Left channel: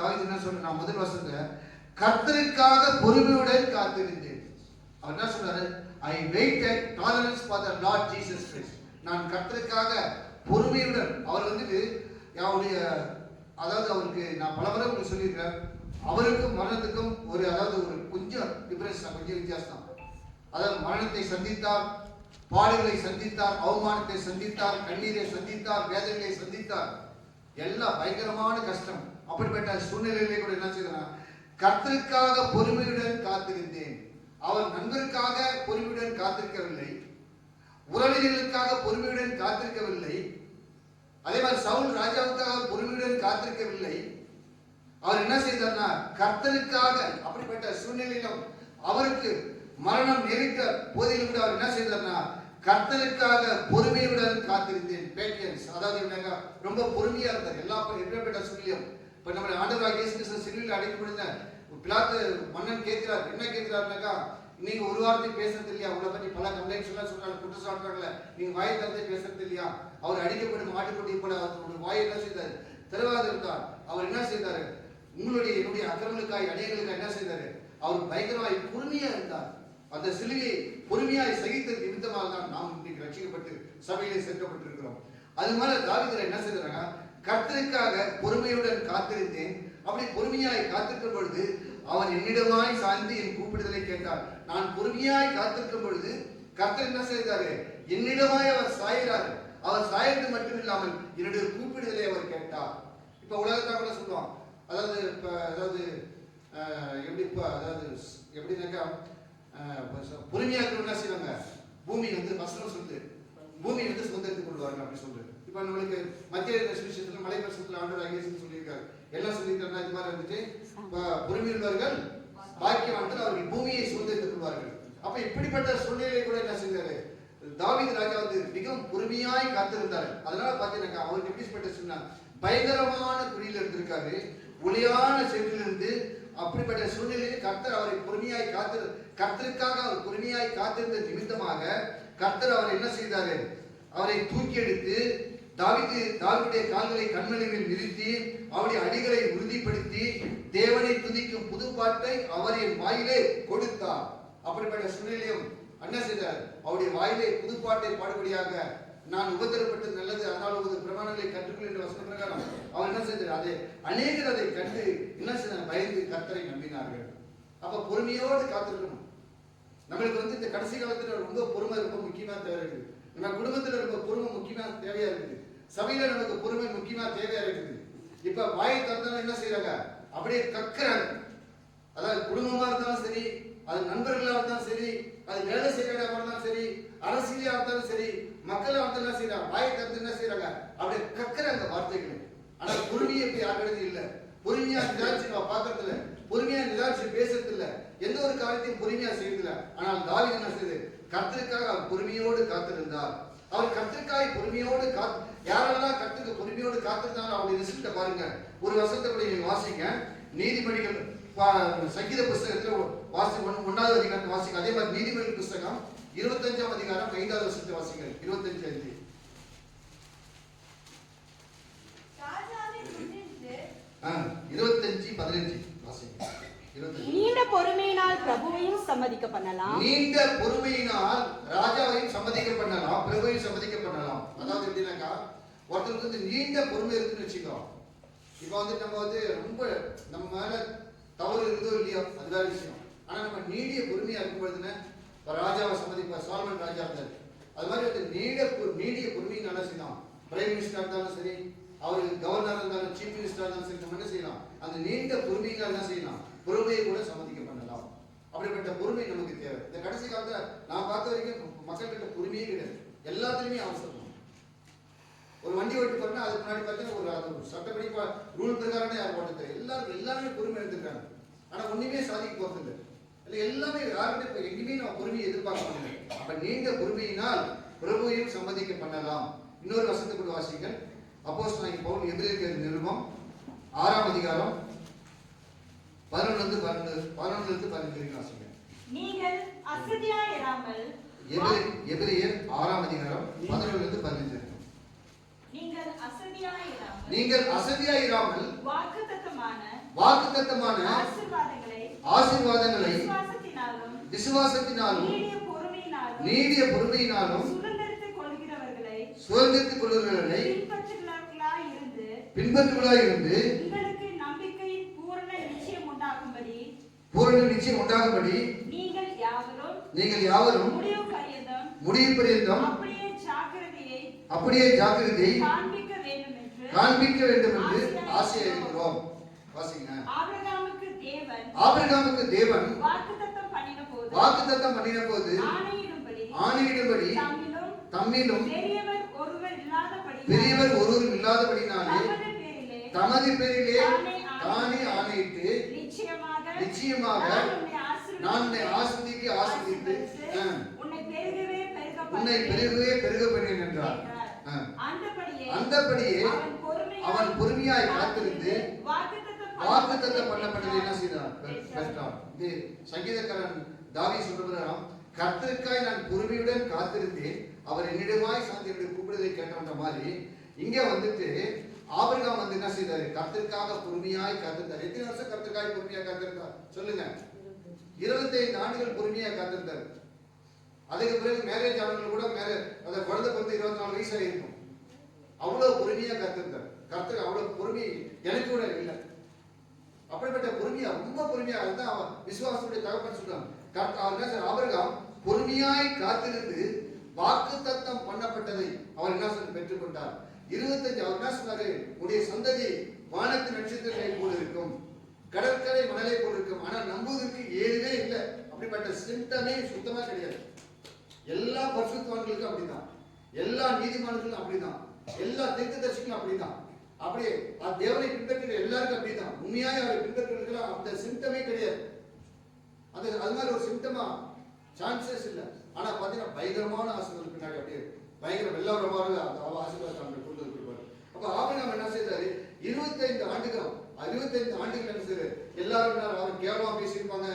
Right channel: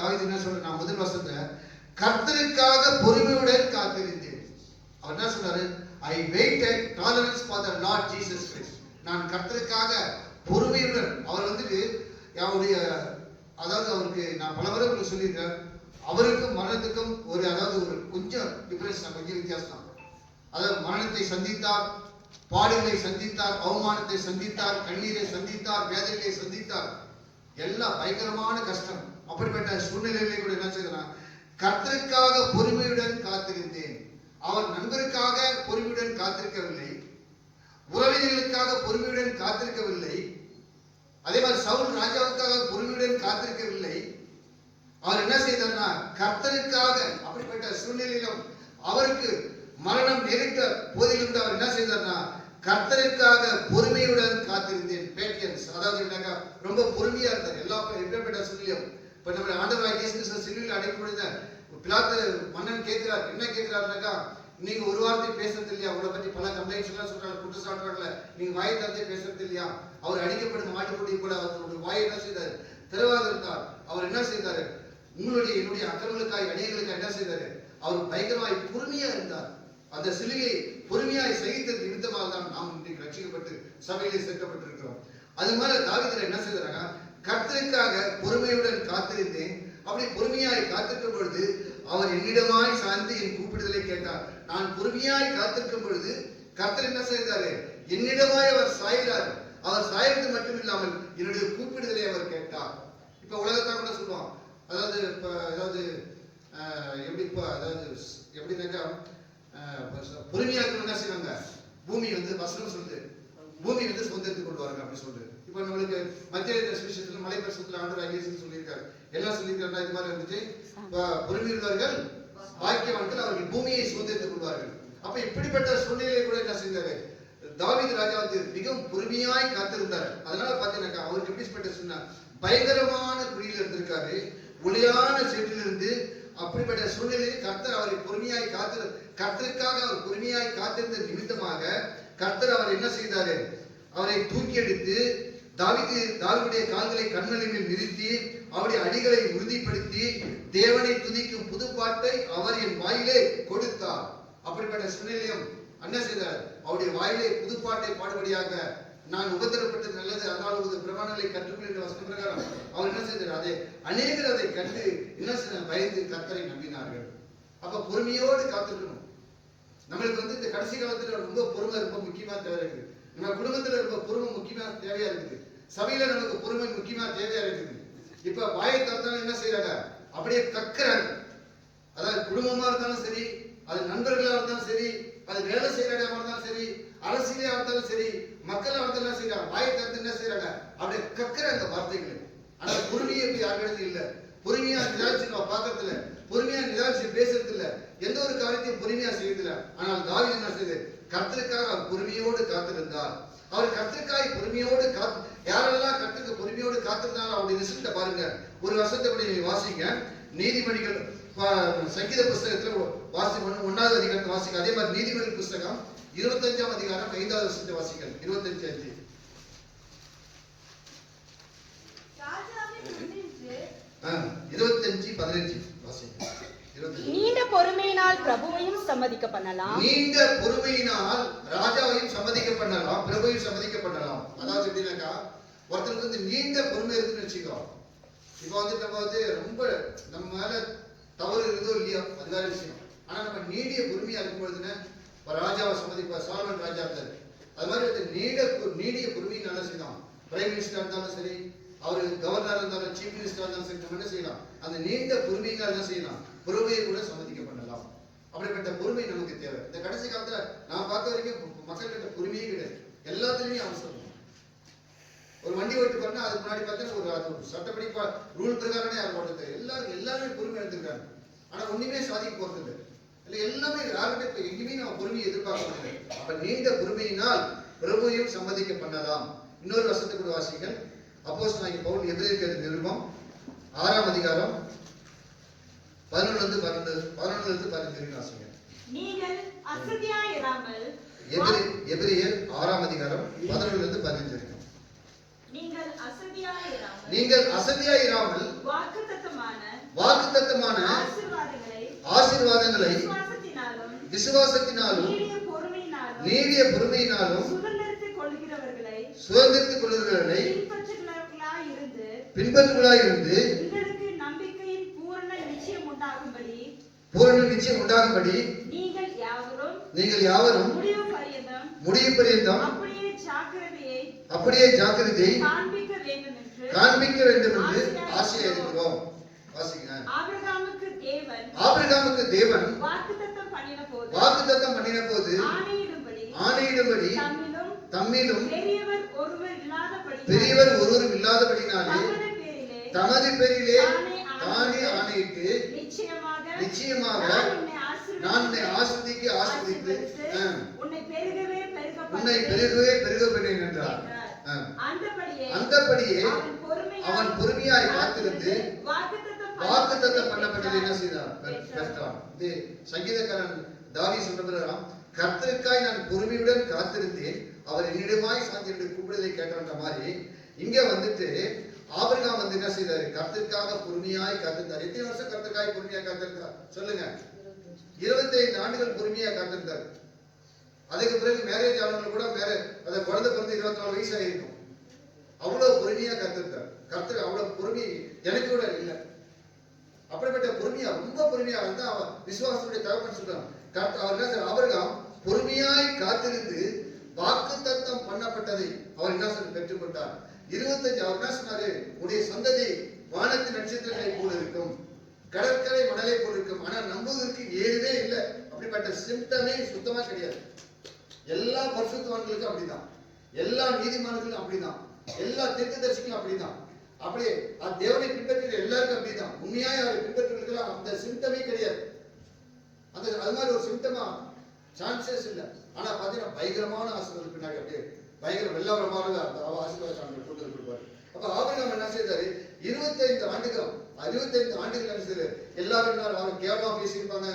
தாவீது என்ன சொல்ற, நான் முதல் வசனத்துல கர்த்தருக்காக பொறுமையுடன் காத்திருந்தேன். அவர் என்ன சொன்னாரு, I waited tolerance for the Lord Jesus Christ. நான் கர்த்தருக்காக பொறுமையுடன், அவர் வந்துட்டு அவருடைய, அதாவது அவருக்கு நான் பல முறை உங்களுக்கு சொல்லியிருக்கேன், அவருக்கும் மரணத்துக்கும் ஒரு, அதாவது ஒரு கொஞ்சம் டிஃபரன்ஸ், கொஞ்சம் வித்தியாசம். அதாவது மரணத்தை சந்தித்தார், பாடுகளை சந்தித்தார், அவமானத்தை சந்தித்தார், கண்ணீரை சந்தித்தார், வேதனைகளை சந்தித்தார், எல்லாம் பயங்கரமான கஷ்டம். அப்படிப்பட்ட சூழ்நிலையிலே கூட என்ன செய்யலாம், கர்த்தருக்காக பொறுமையுடன் காத்திருந்தேன். அவர் நண்பருக்காக பொறுமையுடன் காத்திருக்கவில்லை, உறவினர்களுக்காக பொறுமையுடன் காத்திருக்கவில்லை, அதே மாதிரி சவுல் ராஜாவுக்காக பொறுமையுடன் காத்திருக்கவில்லை. அவர் என்ன செய்தார்னா கர்த்தருக்காக, அப்படிப்பட்ட சூழ்நிலையிலும் அவருக்கு மரணம் நேரிட்ட போதிலும் அவர் என்ன செய்தார்னா கர்த்தருக்காக பொறுமையுடன் காத்திருந்தேன். பேட்டியன்ஸ், அதாவது ரொம்ப பொறுமையா இருந்தார் எல்லா எப்படிப்பட்ட சூழ்நிலையும். இப்ப நம்ம ஆண்டவராகிய இயேசு கிறிஸ்து சிலுவையில் அடைக்கப்படுத பிலாத்து மன்னன் கேட்கிறார், என்ன கேட்கிறாருனாக்கா, நீங்க ஒரு வார்த்தை பேசுறது இல்லையா, உங்களை பற்றி பல கம்ப்ளைண்ட்ஸ் எல்லாம் சொல்றாங்க, குற்றச்சாட்டுறாங்கல்ல, நீங்க வாயை தந்தே பேசுறது இல்லையா. அவர் அடிக்கப்படும் மாட்டுக்குட்டி போல அவருடைய வாயை என்ன செய்தாரு, தெளிவாக இருந்தார். அவர் என்ன செய்தாரு, உங்களுடைய என்னுடைய அக்கிரமங்களுக்காய் அநேகர்களுக்கு என்ன செய்தாரு, அவர் பயங்கரமாய் பொறுமையா இருந்தார். அந்த சிலுவையை பொறுமையாய் சகித்தது நிமித்தமாக தான் நாம் இன்றைக்கு ரட்சிக்கப்பட்டு சபையிலே சேர்க்கப்பட்டிருக்கிறோம். அது மாதிரி தாவீது என்ன செய்தாங்க, கர்த்தருக்காக பொறுமையுடன் காத்திருந்தேன். அப்படி பொறுமையாய் காத்திருக்கும் பொழுது அவர் என்னிடமாய் சாய்ந்து என் கூப்பிடுதலை கேட்டார். நான் பொறுமையாய் காத்திருக்கும் பொழுது கர்த்தர் என்ன செய்தாரு, என்னிடமாய் அவர் சாய்கிறார். அவர் சாய்வது மட்டும் இல்லாமல் என்னுடைய கூப்பிடுதலை அவர் கேட்டார். இப்ப உலகத்தான் கூட சொல்லுவோம், அதாவது இப்ப அதாவது எப்படி, இப்ப அதாவது எப்படின்னாக்கா, பொறுமையா என்ன செய்வாங்க, பூமி வந்து வசனம் சொல்லுது, பூமி வந்து சுதந்திரத்துக்கு கொண்டு வராங்க அப்படி சொல்றது. இப்ப நம்மளுக்கு மத்திய சுவிசேஷத்துல மலை பிரசனத்துல ஆண்டவராகிய இயேசு சொல்லியிருக்காரு, எல்லாம் சொல்லியிருக்காருன்னா இது மாதிரி இருந்துச்சு, பொறுமையுள்ளவர்கள் பாக்கியவான்கள், அவர்கள் பூமியை சுதந்திரத்துக் கொள்வார்கள். அப்ப இப்படிப்பட்ட சூழ்நிலையை கூட என்ன செஞ்சாரு, தாவீது ராஜா வந்து மிகவும் பொறுமையாய் காத்திருந்தார். அதனால பாத்தீங்கன்னா அவருக்கு எப்படிப்பட்ட சொன்னா, பயங்கரமான குடியில இருந்திருக்காரு, ஒளியான சேற்றிலிருந்து. அப்படிப்பட்ட சூழ்நிலையில் கர்த்தர் அவரை பொறுமையாய் கர்த்தருக்காக அவர் பொறுமையாய் காத்திருந்த நிமித்தமாக கர்த்தர் அவர் என்ன செய்தாரு, அவரை தூக்கி எடுத்து தாவீதுடைய கால்களை கண்மலை மேல் நிறுத்தி அவருடைய அடிகளை உறுதிப்படுத்தி தேவனை துதிக்கும் புது பாட்டை அவர் என் வாயிலே கொடுத்தார். அப்படிப்பட்ட சூழ்நிலையும் என்ன செய்தார், அவருடைய வாயிலே புது பாட்டை பாடுபடியாக நான் உபத்திரப்பட்டது நல்லது, அதனால் ஒரு பிரமாணங்களை கற்றுக்கொள் என்ற வசன பிரகாரம் அவர் என்ன செய்தார், அதை அநேகர் அதை கண்டு என்ன செய்தார், பயந்து கர்த்தரை நம்பினார்கள். அப்ப பொறுமையோடு காத்திருக்கணும். நம்மளுக்கு வந்து இந்த கடைசி காலத்துல ரொம்ப பொறுமை ரொம்ப முக்கியமா தேவை இருக்குது. நம்ம குடும்பத்துல ரொம்ப பொறுமை முக்கியமா தேவையா இருக்குது. சபையில நமக்கு பொறுமை முக்கியமா தேவையா இருக்குது. இப்ப வாயை திறந்தாலும் என்ன செய்யறாங்க, அப்படியே கக்குறாங்க. அதாவது குடும்பமா இருந்தாலும் சரி, அது நண்பர்களா இருந்தாலும் சரி, அது வேலை செய்யற இடமா இருந்தாலும் சரி, அரசியலா இருந்தாலும் சரி, மக்களா இருந்தாலும் என்ன செய்யறாங்க, வாயை திறந்து என்ன செய்யறாங்க, அப்படியே கக்குறாங்க வார்த்தைகள். ஆனா பொறுமையை இப்ப யாருக்கிறது இல்ல, பொறுமையா நிதானிச்சு நம்ம பாக்குறது இல்ல, பொறுமையா நிதானிச்சு பேசுறது இல்ல, எந்த ஒரு காரியத்தையும் பொறுமையா செய்யறதில்ல. ஆனால் தாவீது என்ன செய்து, கர்த்தருக்காக அவர் பொறுமையோடு காத்திருந்தார். அவர் கர்த்தருக்காக பொறுமையோடு யாரெல்லாம் கர்த்தருக்கு பொறுமையோடு காத்திருந்தாலும் அவருடைய ரிசல்ட்டை பாருங்க. ஒரு வருஷத்தை கூட நீங்க வாசிங்க, நீதிமொழிகள் சங்கீத புஸ்தகத்துல வாசி 1வது அதிகாரத்தை வாசிங்க. அதே மாதிரி நீதிமொழி புஸ்தகம் 25ஆம் அதிகாரம் 5வது வசனத்தை வாசிங்க. 25:5. நீண்ட பொறுமையினால் பிரபுவையும் சம்மதிக்க பண்ணலாம், நீண்ட பொறுமையினால் ராஜாவையும் சம்மதிக்க பண்ணலாம், பிரபுவையும் சம்மதிக்க பண்ணலாம். அதாவது எப்படின்னாக்கா, ஒருத்தருக்கு வந்து நீண்ட பொறுமை இருக்குன்னு வச்சுக்கோ. இப்ப வந்து நம்ம வந்து ரொம்ப நம்ம மேல தவறு இருக்குதோ இல்லையோ அது வேற விஷயம். ஆனா நம்ம நீடிய பொறுமையா இருக்கும் பொழுதுன்னா, ராஜாவை சம்மதிப்பா, சாலமன் ராஜா இருந்தாரு, அது மாதிரி வந்து நீடிய பொறுமையை நல்லா செய்யலாம். பிரைம் மினிஸ்டர் இருந்தாலும் சரி, அவரு கவர்னர் இருந்தாலும், சீஃப் மினிஸ்டர் இருந்தாலும் சரி, நம்ம என்ன செய்யலாம், அந்த நீண்ட பொறுமையினால் என்ன செய்யலாம், பொறுமையை கூட சம்மதிக்க பண்ணலாம். அப்படிப்பட்ட பொறுமை நமக்கு தேவை. இந்த கடைசி காலத்துல நான் பார்த்த வரைக்கும் மக்கள்கிட்ட பொறுமையே கிடையாது, எல்லாத்துலயுமே அவசரம். ஒரு வண்டி ஓட்டி பாருன்னா அதுக்கு முன்னாடி பார்த்தா ஒரு சட்டப்படி ரூல் பிரகாரமே யாரும் ஓட்டுறது, எல்லாருமே பொறுமை எடுத்துக்கிறாங்க. ஆனா ஒண்ணுமே சாதிக்க போறது இல்லை, இல்லை எல்லாமே யாருமே இப்ப எங்கேயுமே நம்ம பொறுமையை எதிர்பார்க்க முடியாது. அப்ப நீண்ட பொறுமையினால் பிரபுவையும் சம்மதிக்க பண்ணலாம். இன்னொரு வசனத்தை கூட வாசிங்கள். அப்போஸ்தலனாகிய பவுல் எபிரேயர் நிருபம் 6ஆம் அதிகாரம் 11 11 வாசிங்க. நீங்கள் அசதியாயிராமல், எபிரேயர் 6ஆம் அதிகாரம் 11 15. நீங்கள் அசதியாயிராமல் வாக்குத்தத்தமான வாக்குத்தத்தமான ஆசீர்வாதங்களை ஆசீர்வாதங்களை விசுவாசத்தினாலும் விசுவாசத்தினாலும் நீடிய பொறுமையினாலும் சுதந்திரத்துக் கொள்ளுகிறவர்களை பின்பற்றுகளாய் இருந்து உங்களுக்கு நம்பிக்கையின் பூரண நிச்சயம் உண்டாகும்படி நீங்கள் யாவரும் முடிவு பரியந்தம் அப்படியே ஜாக்கிரதையை காண்பிக்க வேண்டும் என்று ஆசையாயிருக்கிறோம். வாசிங்க. ஆபிரகாமுக்கு தேவன் வாக்குத்தத்தம் பண்ணின போது ஆணையிடும்படி தம்மிலும் பெரியவர் ஒருவரும் இல்லாதபடினாலே தமது பேரிலே தானே ஆணையிட்டு நிச்சயமாக நான் உன்னை ஆசீர்வதித்து உன்னை பெருகவே பெருக பண்ணேன் என்றார். அந்தபடியே அவன் பொறுமையாய் காத்திருந்து வாக்குத்தத்தம் பண்ணப்பட்டதை என்ன செய்தான் பெற்றான். இது சங்கீதக்காரன் தாவீது சொல்றாராம், கர்த்தருக்காய் நான் பொறுமையுடன் காத்திருந்தேன், அவர் என்னிடமாய் சாந்தி என்று கூப்பிடுவதை கேட்டான்ற மாதிரி இங்க வந்துட்டு ஆபிரகாம் வந்து என்ன செய்தாரு, கர்த்தருக்காக பொறுமையாய் காத்திருந்தார். எத்தனை வருஷம் கர்த்தருக்காய் பொறுமையாய் காத்திருந்தார் சொல்லுங்க? 25 ஆண்டுகள் பொறுமையாய் காத்திருந்தார். அதுக்கு பிறகு மேரேஜ் ஆனவங்க கூட அந்த குழந்தை பிறந்து 24 வயசா இருக்கும். அவ்வளவு பொறுமையா காத்திருந்தார். கர்த்தர் அவ்வளவு பொறுமை எனக்கு கூட இல்லை. அப்படிப்பட்ட பொறுமையா, ரொம்ப பொறுமையா இருந்தா அவன் விசுவாசத்துடைய தகப்பன் சொல்றான். ஆபிரகாம் பொறுமையாய் காத்திருந்து வாக்குத்தத்தம் பண்ணப்பட்டதை அவர் என்ன சொல்லி பெற்றுக்கொண்டார். 25 அவர் என்ன சொன்னாரு, உடைய சந்ததி வானத்து நட்சத்திரங்களை போல இருக்கும், கடற்கரை மணலை போல இருக்கும். ஆனா நம்புவதற்கு ஏதுவே இல்லை. அப்படிப்பட்ட சிம்டமே சுத்தமா கிடையாது. எல்லா பரிசுத்தவான்களுக்கும் அப்படிதான், எல்லா நீதிமான்களும் அப்படிதான், எல்லா தீர்க்கதரிசிகளும் அப்படிதான். அப்படியே தேவனை பின்பற்றுகிற எல்லாருக்கும் அப்படிதான். உண்மையாய் அவரை பின்பற்றுகிற அந்த சிம்டமே கிடையாது. அது மாதிரி ஒரு சிம்டமா சான்சஸ் இல்லை. ஆனா பாத்தீங்கன்னா பயங்கரமான ஆசீர்வாதம் பின்னாடி அப்படியே பயங்கர வெள்ளவரமாக ஆசீர்வாதம் கொண்டு கொடுப்பாரு. அப்ப ஆபிரகாம் என்ன செய்தாரு, 25 ஆண்டுகள் என்ன செய்தாரு, எல்லாரும் அவன் கேவலமா பேசியிருப்பாங்க,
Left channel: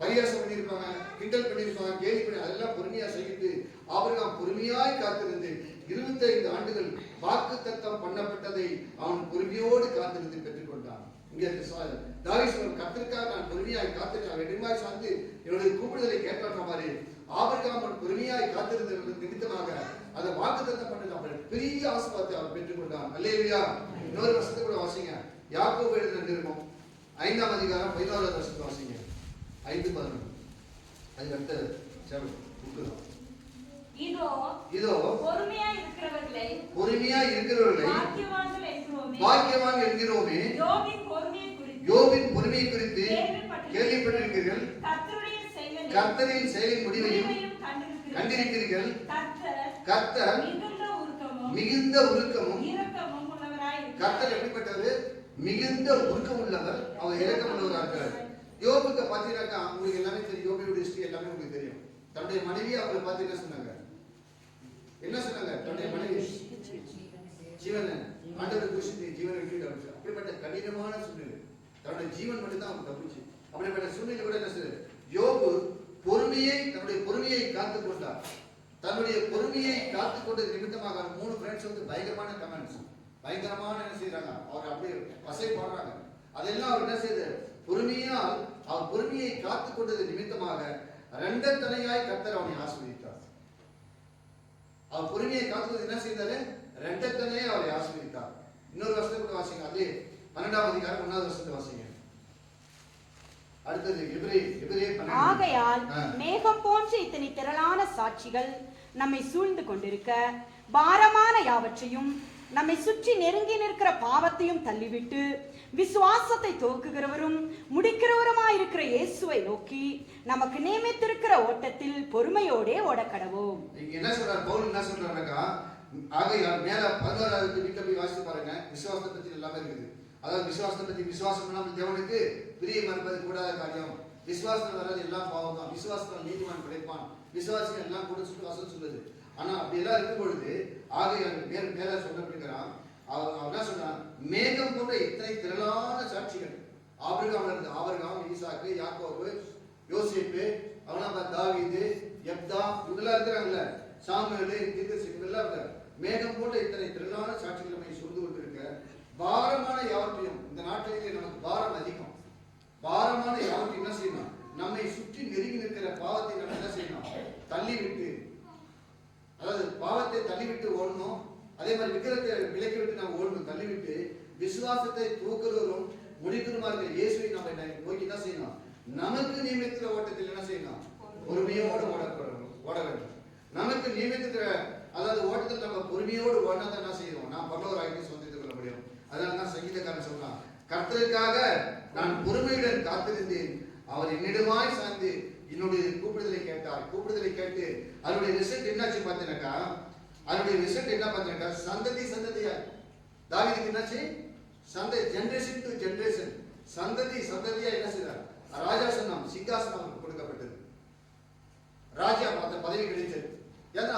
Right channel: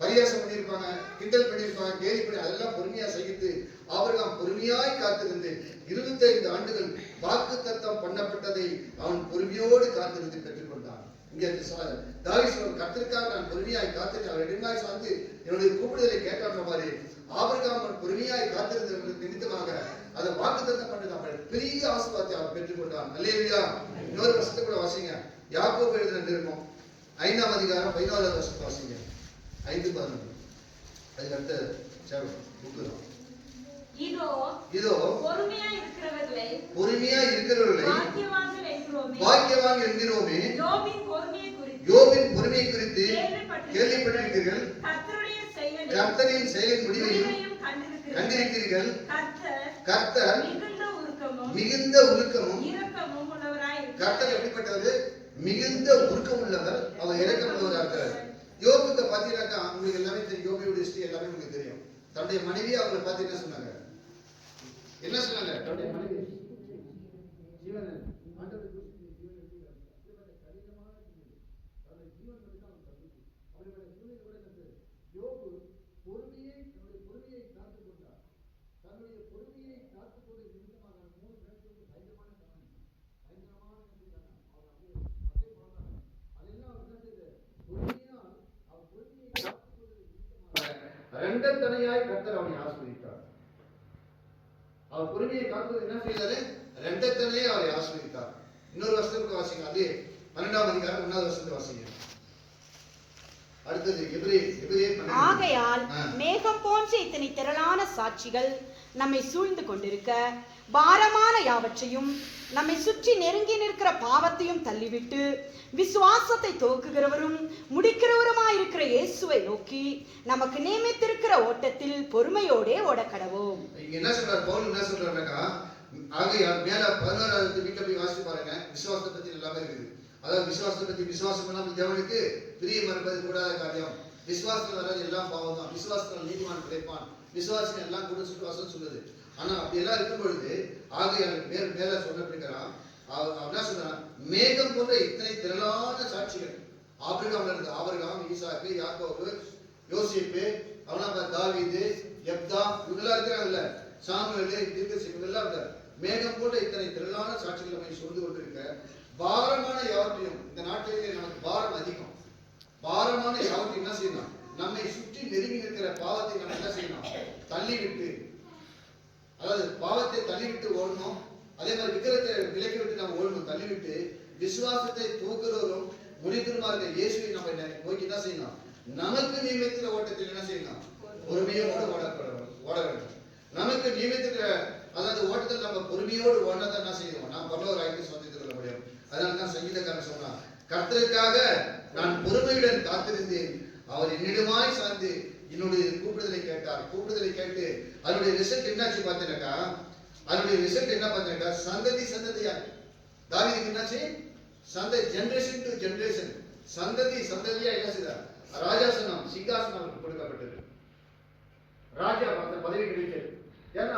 பரியாசம் பண்ணியிருப்பாங்க, கிண்டல் பண்ணியிருப்பாங்க, கேலி பண்ணி அதெல்லாம் பொறுமையா சகித்து ஆபிரகாம் பொறுமையாய் காத்திருந்து 25 ஆண்டுகள் வாக்குத்தத்தம் பண்ணப்பட்டதை அவன் பொறுமையோடு காத்திருந்து பெற்றுக்கொண்டான். இங்கே தாவீது கர்த்தருக்காக நான் பொறுமையாய் காத்திட்டு அவர் இடமாய் சார்ந்து என்னுடைய கூப்பிடுதலை கேட்காத மாதிரி ஆபிரகாம் பொறுமையாய் காத்திருந்த நிமித்தமாக அதை வாக்குத்தத்தம் பண்ணது அவன் பெரிய ஆசீர்வாதத்தை அவன் பெற்றுக்கொண்டான். அல்லேலூயா. இன்னொரு வசனத்தை கூட வாசிங்க. யாக்கோபு எழுதின நிருபம் 5ஆம் அதிகாரம் 11வது வசனத்தை வாசிங்க. 5:11. அதுக்கு அடுத்த இதோ பொறுமையாய் இருக்கிறவர்களை பாக்கியவான்கள் என்கிறோமே. யோபின் பொறுமையை குறித்து கேள்விப்பட்டிருக்கிறீர்கள், கர்த்தரின் செயலின் முடிவையும் கண்டிருக்கிறீர்கள். கர்த்தர் மிகுந்த உருக்கமும் கர்த்தர் எப்படிப்பட்டவர், மிகுந்த உருக்கம் உள்ளவர், அவர் இரக்கம் உள்ளவர். யோபுக்கு பாத்தீங்கன்னாக்கா உங்களுக்கு எல்லாமே தெரியும். யோபுடைய ஹிஸ்டரி எல்லாமே உங்களுக்கு தெரியும். தன்னுடைய மனைவி அவரை பார்த்து என்ன சொன்னாங்க, தன்னுடைய மனைவி ஜீவன் ஆண்டவர் குறித்து ஜீவன் விட்டு அப்படிப்பட்ட கடினமான சூழ்நிலை, தன்னுடைய ஜீவன் மட்டும் தான் அவங்க தப்பிச்சு. அப்படிப்பட்ட சூழ்நிலை கூட என்ன செய்ய யோபு தன்னுடைய பொறுமையை காத்துக் கொண்டார். தன்னுடைய பொறுமையை காத்துக் கொண்டது நிமித்தமாக 3 ஃப்ரெண்ட்ஸ் வந்து பயங்கரமான கமெண்ட்ஸ், பயங்கரமான என்ன செய்யறாங்க, அவர் அப்படியே வசை போடுறாங்க. அதெல்லாம் அவர் என்ன செய்த பொறுமையால் அவர் பொறுமையை காத்துக் கொண்டது நிமித்தமாக 2 தனையாய் கர்த்தர் அவனை ஆசீர்வதித்தார். அவர் பொறுமையை காத்துவது என்ன செய்தாரு, 2 தனையே அவரை ஆசீர்வதித்தார். இன்னொரு வசனத்தை வாசிங்க. அதே 12ஆம் அதிகாரம் 1வது வசனத்தை வாசிங்க. அடுத்தது ஆகையால் மேகம் போன்ற இத்தனை திரளான சாட்சிகள் நம்மை சூழ்ந்து கொண்டிருக்க பாரமான யாவற்றையும் நம்மை சுற்றி நெருங்கி நிற்கிற பாவத்தையும் தள்ளிவிட்டு விசுவாசத்தை துவக்குகிறவரும் முடிக்கிறவருமாயிருக்கிற இயேசுவை நோக்கி நமக்கு நியமித்திருக்கிற ஓட்டத்தில் பொறுமையோடே ஓடக்கடவோம். என்ன சொல்றார் பவுல், என்ன சொல்றாருனாக்கா, ஆகையால் மேல 11வது வீட்டை போய் வாசித்து பாருங்க. விசுவாசத்தை பத்தி எல்லாமே இருக்குது. அதாவது விசுவாசத்தை பத்தி, விசுவாசம் இல்லாமல் தேவனுக்கு பிரியம் இருப்பது கூடாத காரியம், விசுவாசத்தில் வராது எல்லாம் பாவம் தான், விசுவாசத்தில் நீதிமான் கிடைப்பான், விசுவாசிகள் எல்லாம் கூட சுட்டு வசம் சொல்லுது. ஆனா அப்படி எல்லாம் இருக்கும் பொழுது ஆகையால் மேல சொல்லப்படுகிறான். அவன் என்ன சொல்றான், மேகம் போன்ற இத்தனை திரளான சாட்சிகள் ஆபிரகாம்ல இருந்து, ஆபிரகாம், ஈசாக்கு, யாக்கோபு, யோசேப்பு, அவனா தாவீது, யெப்தா, இவங்கெல்லாம் இருக்கிறாங்கல்ல, சாமுவேல், தீர்க்கதரிசி, இவங்கெல்லாம் இருக்காரு. மேகம் போன்ற இத்தனை திரளான சாட்சிகள் நம்மை சொல்ந்து கொண்டிருக்க பாரமான யாவற்றையும், இந்த நாட்டிலே நமக்கு பாரம் அதிகம், பாரமான யாவற்றை என்ன செய்யணும்? நம்மை சுற்றி நெருங்கி நிற்கிற பாவத்தை நம்ம என்ன செய்யணும்? தள்ளிவிட்டு, அதாவது பாவத்தை தள்ளிவிட்டு ஓடணும். அதே மாதிரி விக்கிரத்தை விலக்கி விட்டு நம்ம ஓடணும், தள்ளிவிட்டு விசுவாசத்தை தூக்குறவரும் முடிக்கிறமா இருக்கிற இயேசுவை நம்ம நோக்கி என்ன செய்யணும்? நமக்கு நியமித்த ஓட்டத்தில் என்ன செய்யணும்? பொறுமையோடு ஓட வேண்டும். நமக்கு நியமித்த அதாவது ஓட்டத்தில் நம்ம பொறுமையோடு ஓடினா என்ன செய்வோம்? நாம் பரலோக ராஜ்யத்தை சொந்தத்துக் கொள்ள முடியும். அதனால தான் சங்கீதக்காரன் சொன்னான், கர்த்தருக்காக நான் பொறுமையுடன் காத்திருந்தேன், அவர் என்னிடமாய் சார்ந்து என்னுடைய கூப்பிடுதலை கேட்டார். கூப்பிடுதலை கேட்டு அதனுடைய ரிசல்ட் என்னாச்சு பார்த்தீங்கன்னாக்கா, அதனுடைய ரிசல்ட் என்ன பார்த்தீங்கன்னாக்கா, சந்ததி சந்ததியா தாவீதுக்கு என்னாச்சு? ஜெனரேஷன் டு ஜெனரேஷன், சந்ததி சந்ததியா என்ன செய்தார்? ராஜாசனம், சிங்காசனம் கொடுக்கப்பட்டது. ராஜா பதவி கிடைத்தது. ஏன்னா